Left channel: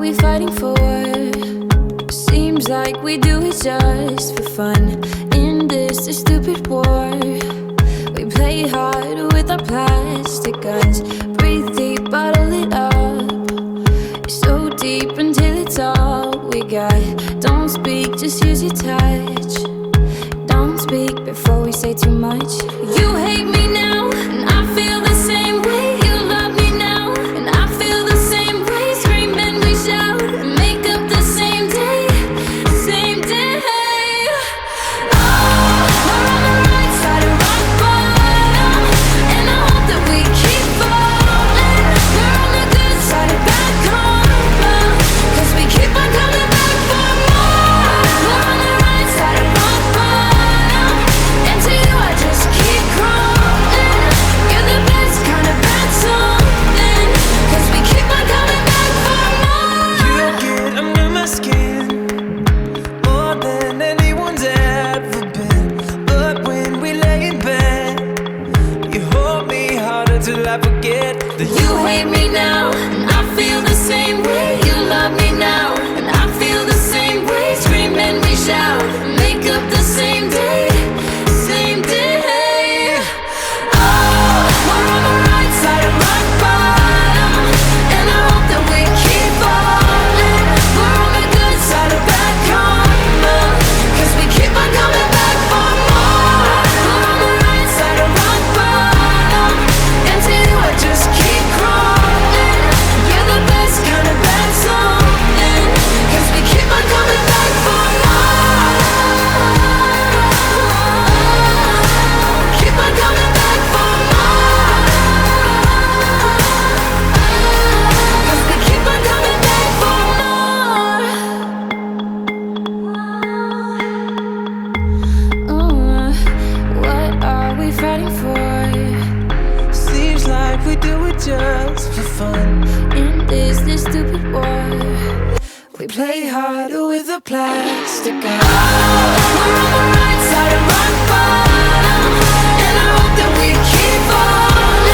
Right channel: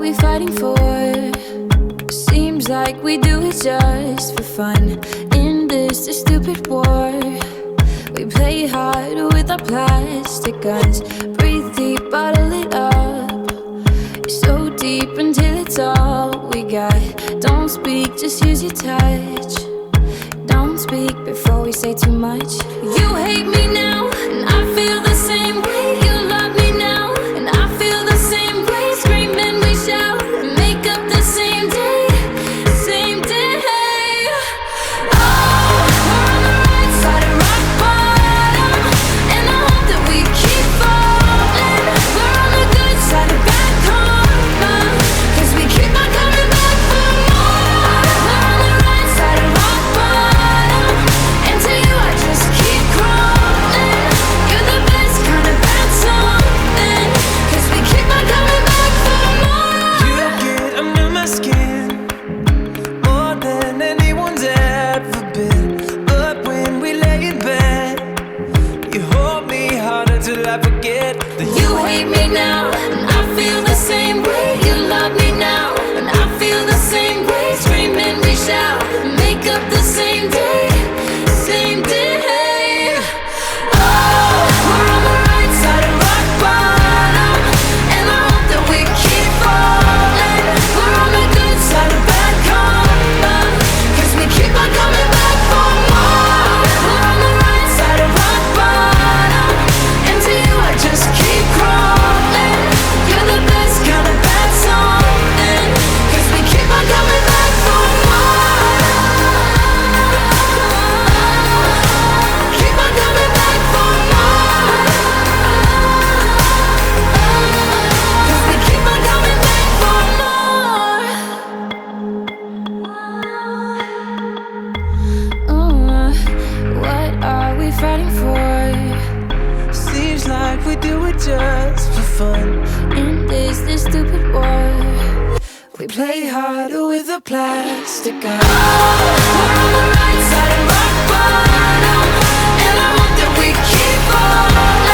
we fighting for? Seems like we do it just for fun. In this stupid war, we play hard with our plastic guns. Breathe deep, bottle it up. So deep until it's all we got. Don't speak, just use your touch. Don't speak before we say too much. You hate me now, and I feel the same way. You love me now, and I feel the same way. Scream and we shout and make up the same day. Same day. Oh, we're on the right side of rock bottom, and I hope that we keep falling. We're on the good side of bad karma, 'cause we keep on coming back for more. We're on the right side of rock bottom, and to you I just keep crawling. You're the best kind of bad something, 'cause we keep on coming back for more. You get under my skin more than anyone's ever been. But when we lay in bed, you hold me harder till I forget that You hate me now, and I feel the same way. You love me now, and I feel the same way. Scream and we shout, make up the same day. Same day. Oh, we're on the right side of rock bottom, and I hope that we keep falling. We're on the good side of bad karma, 'cause we keep on coming back for more. We're on the right side of rock bottom, and to you I just keep crawling. You're the best kind of bad something, 'cause we keep on coming back for more. Keep on coming back for more, 'cause we keep on coming back for more. What are we fighting for? seems like we do it just for fun. In this stupid war, we play harder with a plastic gun. Oh, we're on the right side of rock bottom, and I hope that we keep falling.